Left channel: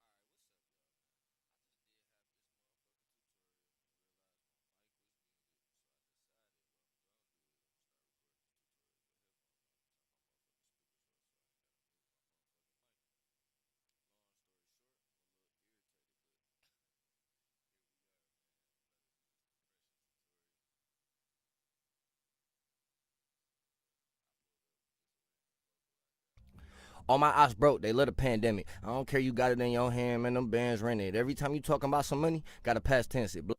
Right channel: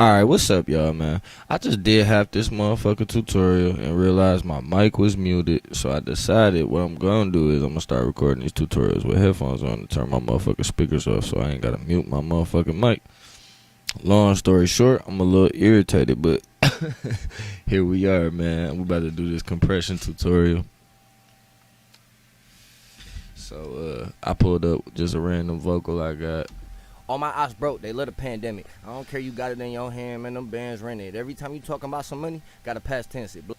Alright, what's up, y'all, man? I just did half this motherfucking tutorial and realized my mic was muted, so I decided what I'm gonna do is I'm gonna start recording these tutorials with headphones on and turn my motherfucking speakers off so I ain't gotta mute my motherfucking mic. Long story short, I'm a little irritated, but here we are, man. We about to do this compression tutorial. So, I pulled up just a random vocal I got. All my ops broke, they love the pandemic. I don't care, you got it in your hand, man, them bands rented. Every time you talking about some money, gotta past tense it. Give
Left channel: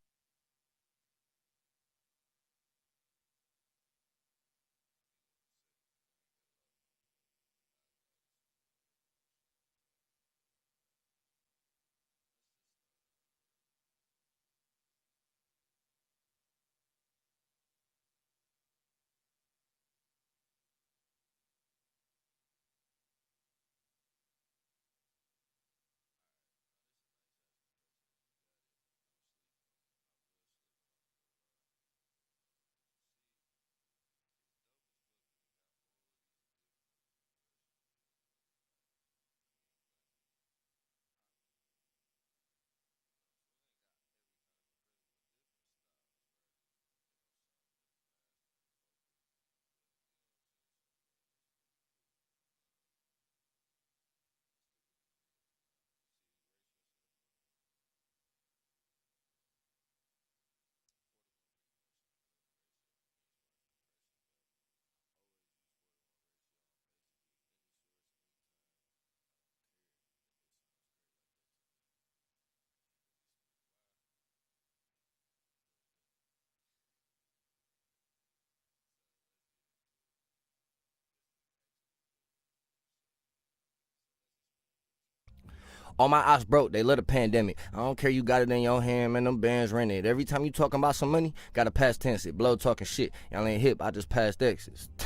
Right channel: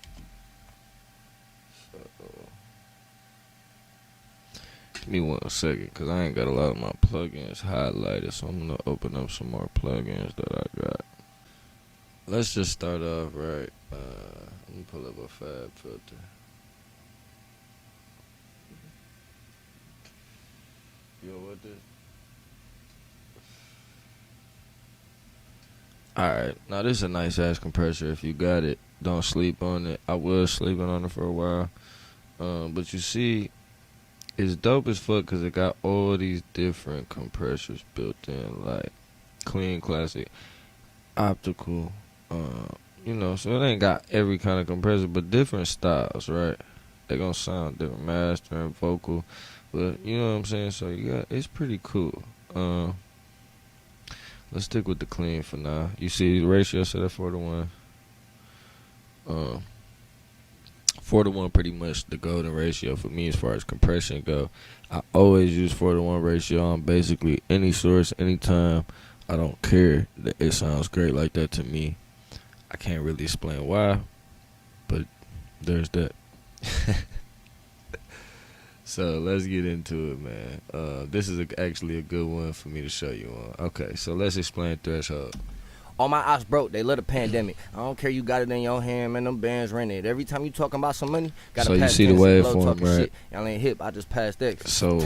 me 1 second, because I ain't got a lot of my plugins highlighted, so I'm going to open up some more plugins that I got. Let's just start off right. Let me pull up a fab filter. Yo, what this? Alright, now this is a nice ass compressor. If you got it, don't sleep on it. I was sleeping on it for a while. But you see, it's dope as fuck because it got all these different compressors built in, like clean, classic, optical, you know, so it ain't got every kind of compressor, but different styles, right? They gonna sound different, master and vocal, but you know what I'm saying? So you got, it's pretty cool. Let's stick with the clean for now. You see the ratio set at 4-to-1. 4-to-1 pretty much the golden ratio for me as far as compression go. I always use 4-to-1 ratio on basically any source, anytime. I don't care. It sounds great like that to me. I can't really explain why, but there's that. So let's get into it, man. This is actually a good one for me to show you on. Okay, so let's explain threshold. All my ops broke, they love the pandemic. I don't care, you got it in your hand, man, them bands rented. Every time you talking about some money, gotta pass tense it. Blow talking right? Shit. Y'all ain't hip, I just passed X. So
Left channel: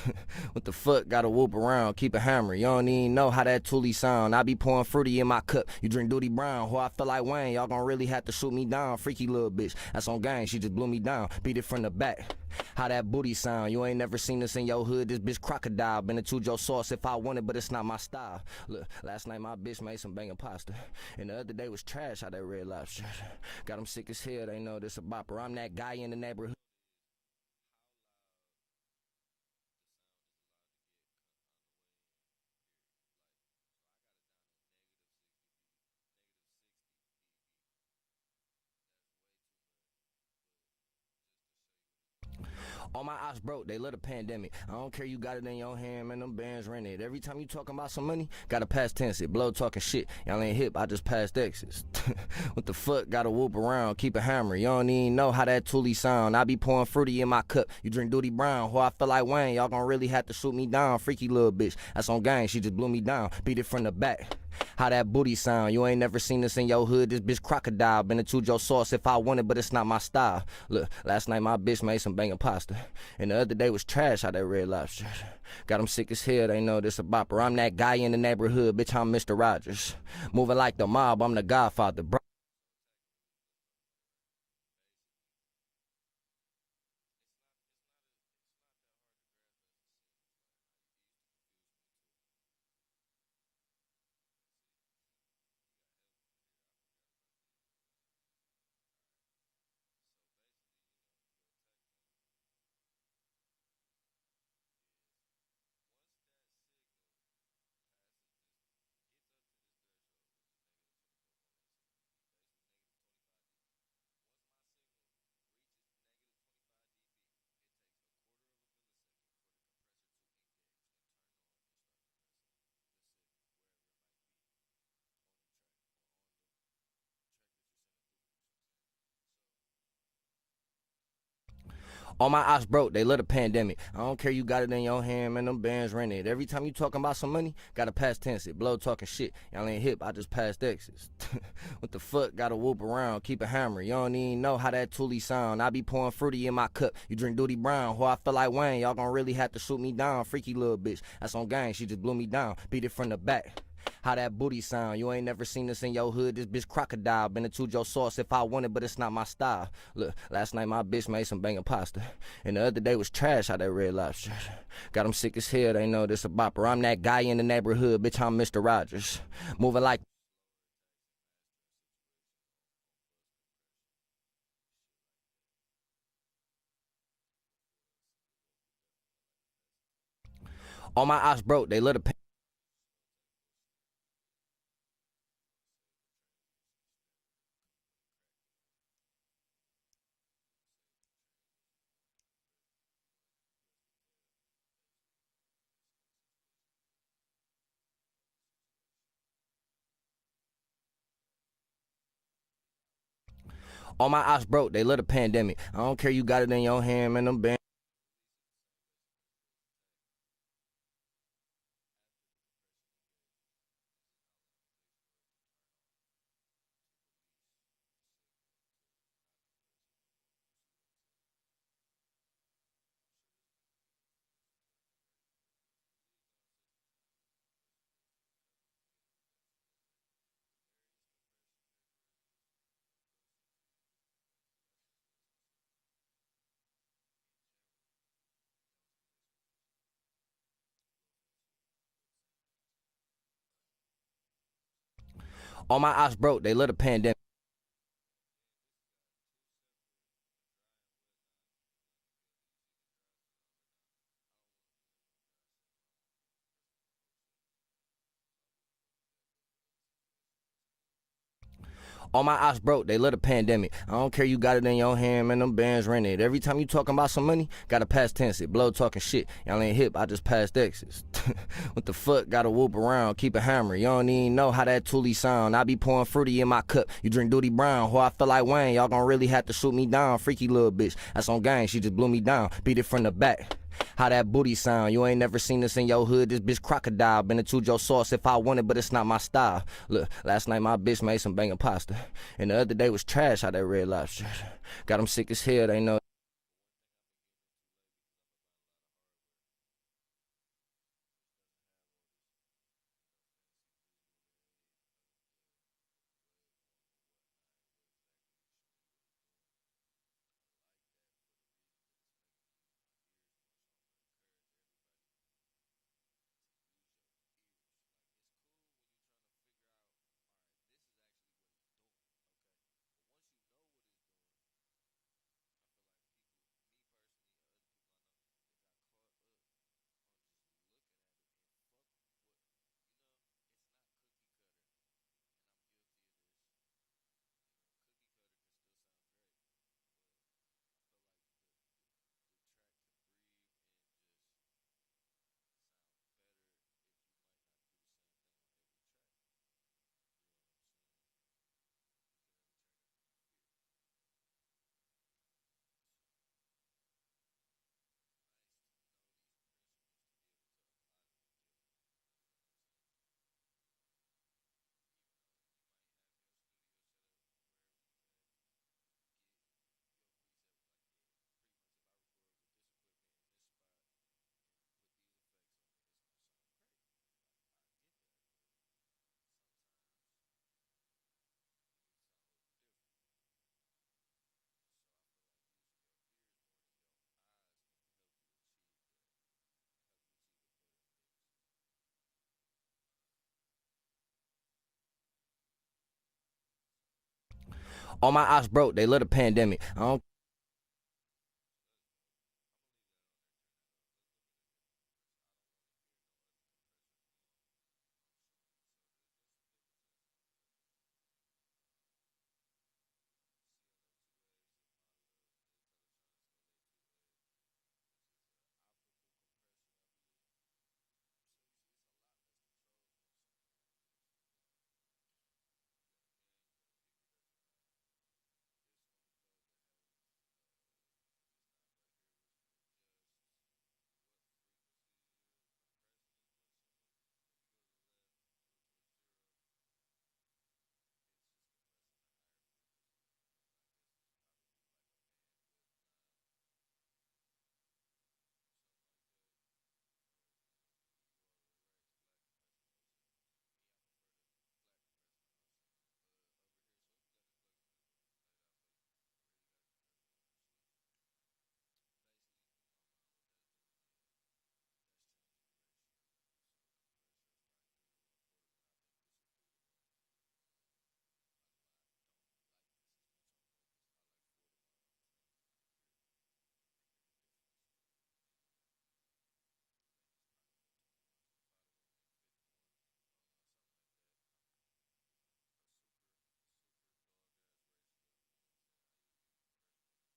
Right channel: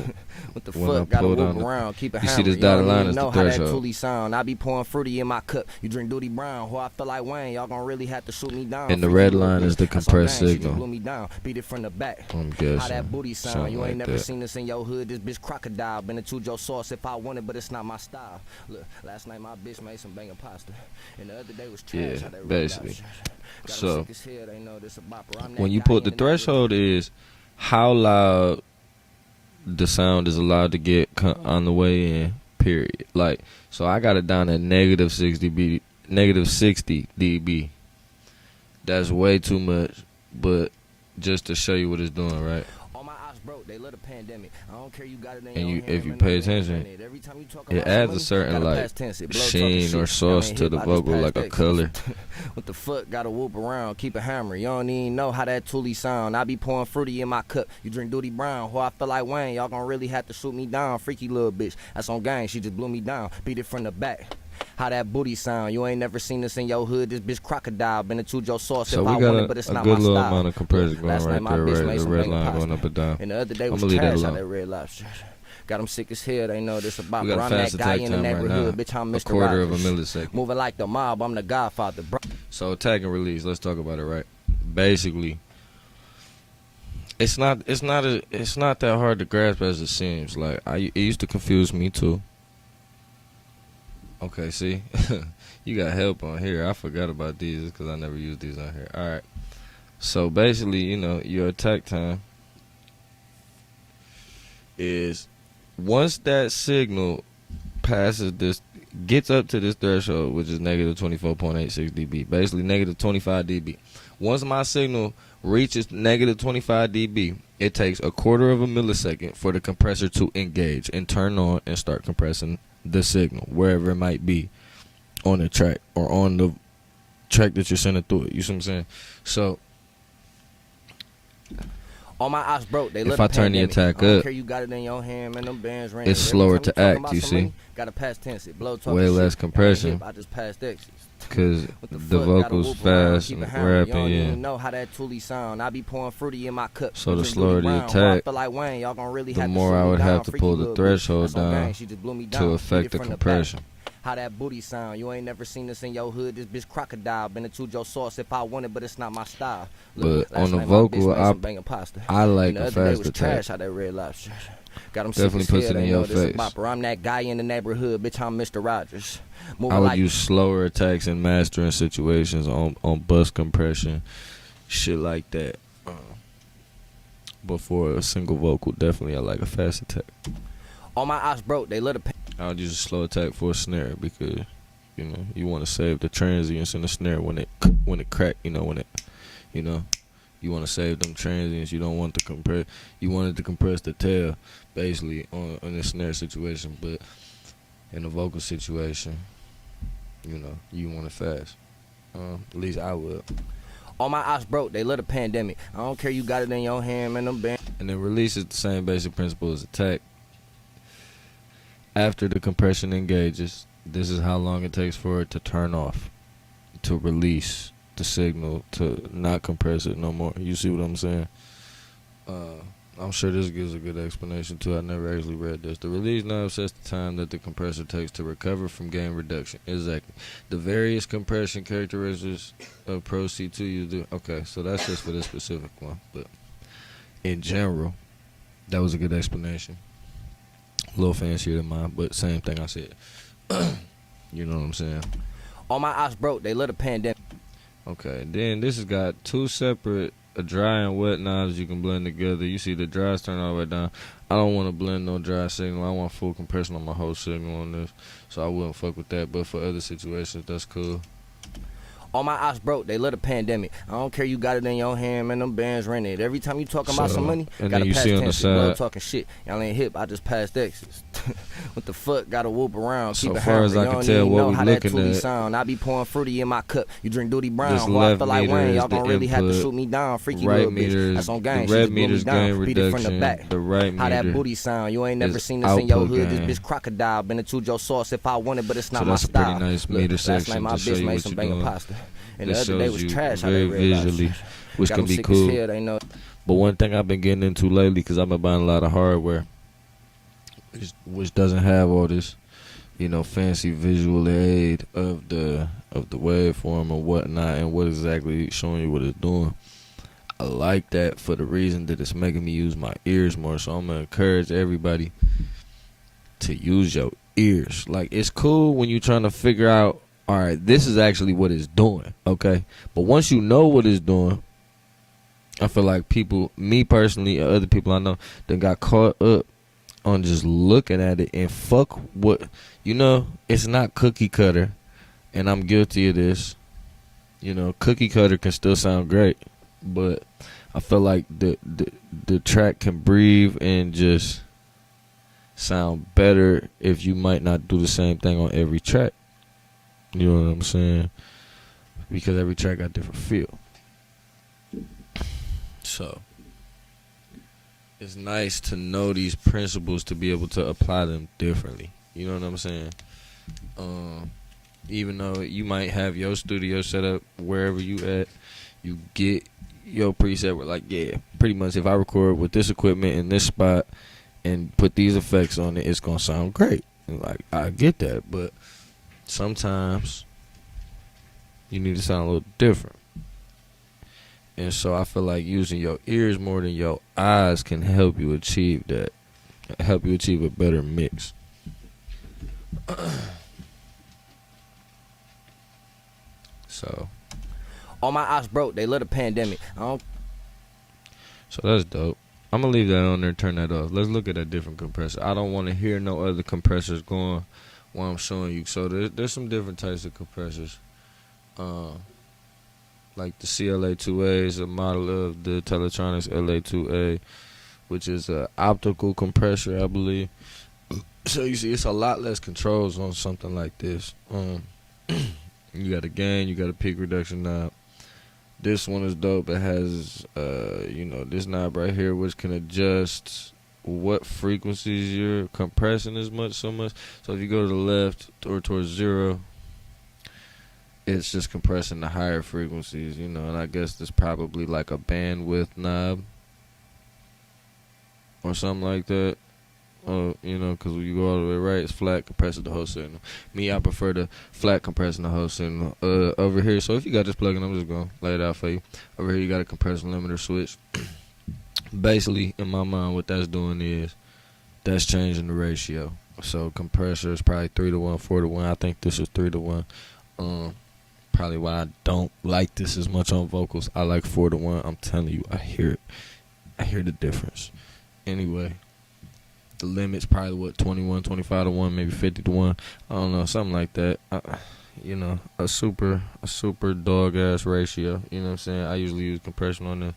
what the fuck? Gotta whoop around, keep it hammer. You don't even know how that Thule sound. I be pouring fruity in my cup. You drink Duty Brown, who I feel like Wayne. Y'all gonna really have to shoot me down. And the red line is the compressed signal. She just blew me down, beat it from the back. How that booty sound. You ain't never seen this in your hood. This bitch crocodile. Been into your sauce if I want it, but it's not my style. Look, last night my bitch made some banging pasta, and the other day was trash. Yeah, how that basically. Got so sick as hell, they know this a bopper. I'm that when you guy put the threshold is how loud the sound is allowed to get on the way in, period. Like, so I got it down at negative 60 dB. That's way too much, but just to show you what it's doing, right? All my ops broke, they love the pandemic. I don't care, you got it in and your you, hand, if you man, pay attention, every time you talk it about adds money, a certain gotta like pass tense it. Blow sheen or sauce to the vocal, like a color. What the fuck? Gotta whoop around, keep it hammer. You don't even know how that Thule sound. I be pouring fruity in my cup. You drink Duty Brown, who I feel like Wayne. Y'all gonna really have to shoot me down. Freaky little bitch, that's on gang. She just blew me down, beat it from the back. How that booty sound. You ain't never seen this in your hood. This bitch crocodile. Been into your sauce so if I want it, but it's not my style. Last night my bitch made some banging pasta, and the other day was trash. How that red lobster. Got them sick as hell. They know this about. I'm that guy in the neighborhood. Bitch, I'm Mr. Rogers. Moving like the mob. I'm the Godfather, bro. So attack and release. Let's talk about it, right? Basically, it's not that hard to grasp as it seems. Like it used to confuse me too. Okay, see, you got help on here. I forgot about these because I never used these on here. All right, so basically, you know, your attack time is once that signal passes this, gets up to this threshold, which is negative 24.86 dB, basically negative 25 dB. Once my signal reaches negative 25 dB, it takes 1/4 of a millisecond for the compressor to engage and turn on and start compressing the signal wherever it might be on the track or on the track that you're sending through it. You see what I'm saying? So all my ops broke, they love the pandemic. I don't care, you got it in your hand, man, them bands rented. It's slower to act, you see. Money, gotta pass tense it. Blow talking way shit. less compression. I just passed X's. Cause what the fuck? Gotta whoop around, keep it hammer. Rapping, you don't even know how that Thule sound. I be pouring fruity in my cup. So you the drink slower Duty the Brown, attack, I feel like Wayne. Y'all gonna really have to shoot me down. Have to pull the threshold that's on gang. She just blew me down. to affect the compression. How that booty sound? You ain't never seen this in your hood. This bitch crocodile. Been into your sauce if I want it, but it's not my style. Look, But last on the night my bitch vocal, made some banging pasta. I like And the the other day was faster trash. type. How that Red Lobster. Got them sick Definitely as puts hell. it They in know your this a face. bopper. I'm that guy in the neighborhood. Bitch, I'm Mr. Rogers. I Moving would like use slower attacks and mastering situations on bus compression, shit like that. But for a single vocal, definitely I like a fast attack. all my ops broke. They let it. I would use a slow attack for a snare because you want to save the transients in the snare when it crack. You want to save them transients. You don't want to compress. You want it to compress the tail, basically on the snare situation. But in a vocal situation, you want it fast. At least I would. All my ops broke. They let a pandemic. I don't care. You got it in your hand, man. Them band. And then release is the same basic principle as attack. After the compression engages, this is how long it takes for it to turn off, to release the signal, to not compress it no more. You see what I'm saying? I'm sure this gives a good explanation too. I never actually read this. The release knob sets the time that the compressor takes to recover from gain reduction. Exactly. The various compression characteristics of Pro C2 you do. Okay, so that's just for this specific one. But in general, that was a good explanation. A little fancier than mine, but same thing I said. You know what I'm saying? All my ops broke. They let a pandemic. Okay, then this has got two separate dry and wet knobs you can blend together. You see the dries turn all the way down. I don't want to blend no dry signal. I want full compression on my whole signal on this, so I wouldn't fuck with that. But for other situations, that's cool. All my ops broke. They let a pandemic. I don't care. You got it in your hand, man. Them bands rented. Every time you talking about some money, and gotta then you pass see on the tense. side- Blow talking shit. Y'all ain't hip. I just passed X's. What the fuck? Gotta whoop around. So Keep it far as hammer. I Y'all can don't tell, even what know we how that looking Toolie at- sound. I be pouring fruity in my cup. You drink Duty Brown. This Who I left feel like meter Wayne. is Y'all the gonna really have to input. shoot me down. Freaky Right little meter bitch. is- That's on gang. the She red just blew me meter's down. gain Beat it from the reduction. back. The right How that meter booty sound. You ain't never is seen this in your output hood. This gain. bitch crocodile. Been into your sauce if I want it, but it's not So my that's a pretty style. nice Look, meter last night section my to show bitch you made what some you're banging doing. pasta. And the This other day shows was you trash. How that very Red Lobster. visually, which Got can them be sick as cool. hell. They know. But one thing I've been getting into lately, because I've been buying a lot of hardware, which doesn't have all this, fancy visual aid of the waveform or whatnot, and what exactly showing you what it's doing. I like that for the reason that it's making me use my ears more. So I'm gonna encourage everybody to use your ears. Like, it's cool when you're trying to figure out, all right, this is actually what it's doing, okay? But once you know what it's doing, I feel like people, me personally, or other people I know, that got caught up on just looking at it and fuck what, it's not cookie cutter, and I'm guilty of this. Cookie cutter can still sound great, but I feel like the track can breathe and just sound better if you might not do the same thing on every track. You know what I'm saying? Because every track got different feel. So it's nice to know these principles to be able to apply them differently. You know what I'm saying? Even though you might have your studio set up wherever you at, you get your preset with, like, yeah, pretty much if I record with this equipment in this spot and put these effects on it, it's gonna sound great. And, like, I get that, but sometimes you need to sound a little different. And so I feel like using your ears more than your eyes can help you achieve that. Help you achieve a better mix. So All my ops broke. They let a pandemic. So that's dope. I'm going to leave that on there and turn that off. Let's look at a different compressor. I don't want to hear no other compressors going while I'm showing you. So there's some different types of compressors. Like the CLA2A is a model of the Teletronics LA2A, which is an optical compressor, I believe. So you see, it's a lot less controls on something like this. You got a gain, you got a peak reduction knob. This one is dope. It has, this knob right here, which can adjust what frequencies you're compressing so much. So if you go to the left or towards 0, it's just compressing the higher frequencies, and I guess there's probably like a bandwidth knob or something like that. You know, because when you go all the way right, it's flat compressor the whole signal. Me, I prefer the flat compressor the whole signal. Over here, so if you got this plug-in, I'm just gonna lay it out for you. Over here, you got a compressor limiter switch. Basically, in my mind, what that's doing is that's changing the ratio. So compressor is probably 3-to-1, 4-to-1. I think this is 3-to-1. Probably why I don't like this as much on vocals. I like 4-to-1. I'm telling you, I hear it. I hear the difference. Anyway, the limit's probably what, 21, 25-to-1, maybe 50-to-1. I don't know, something like that. You know, a super dog ass ratio. You know what I'm saying? I usually use compression on the.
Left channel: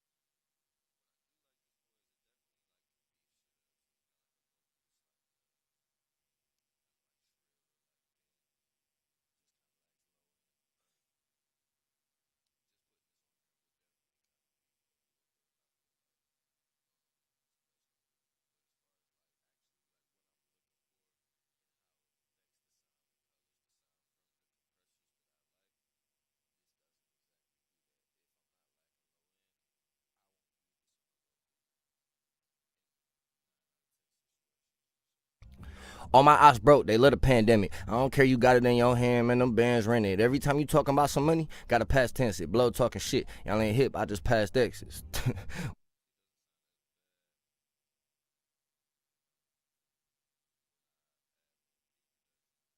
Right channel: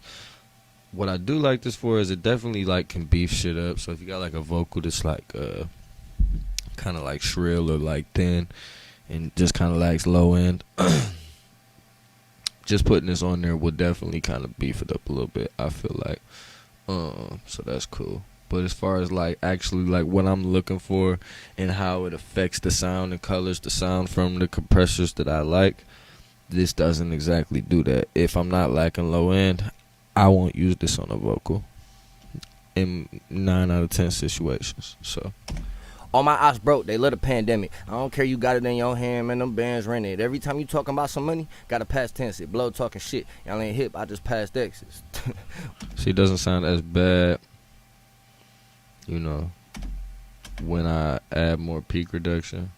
What I do like this for is it definitely like can beef shit up. So if you got like a vocal that's like kind of like shrill or like thin and just kind of lacks low end, just putting this on there will definitely kind of beef it up a little bit, I feel like. So that's cool. But as far as like actually like what I'm looking for and how it affects the sound and colors the sound from the compressors that I like, this doesn't exactly do that. If I'm not lacking low end, I won't use this on a vocal in 9 out of 10 situations. So All my ops broke, they love the pandemic. I don't care, you got it in your hand, man, them bands rented. Every time you talking about some money, gotta pass tense it. Blow talking shit. Y'all ain't hip, I just passed X's. see, it doesn't sound as bad, you know, when I add more peak reduction.